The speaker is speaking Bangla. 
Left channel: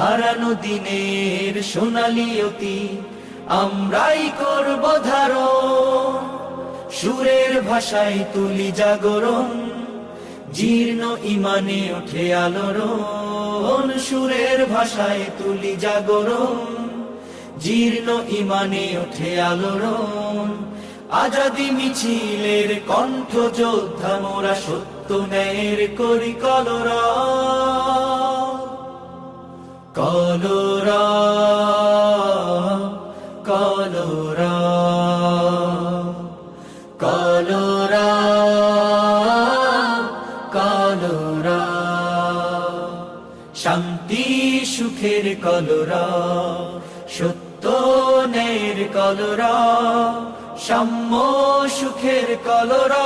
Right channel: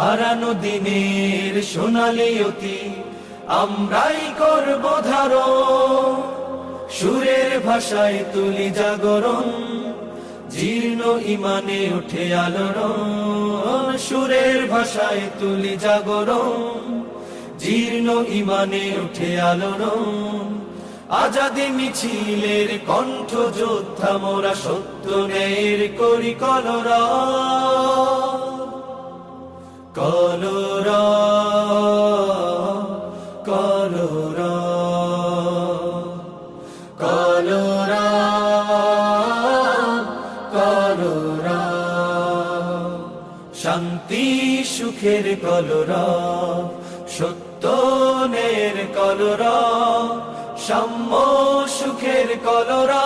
হারানো দিনের সোনালি অতীত আমরাই করব ধারণ, সুরের ভাষায় তুলি জাগরণ, জীর্ণ ইমানে ওঠে আলোড়ন। সুরের ভাষায় তুলি জাগরণ, জীর্ণ ইমানে ওঠে আলোড়ন। আজাদি মিছিলের কণ্ঠ যোদ্ধা মোরা, সত্য ন্যায়ের করি কলরা, কলরা, কলরা, কলরা, কলরা। শান্তি সুখের কলরা, সত্য ন্যায়ের কলরা, সাম্য সুখের কলরা।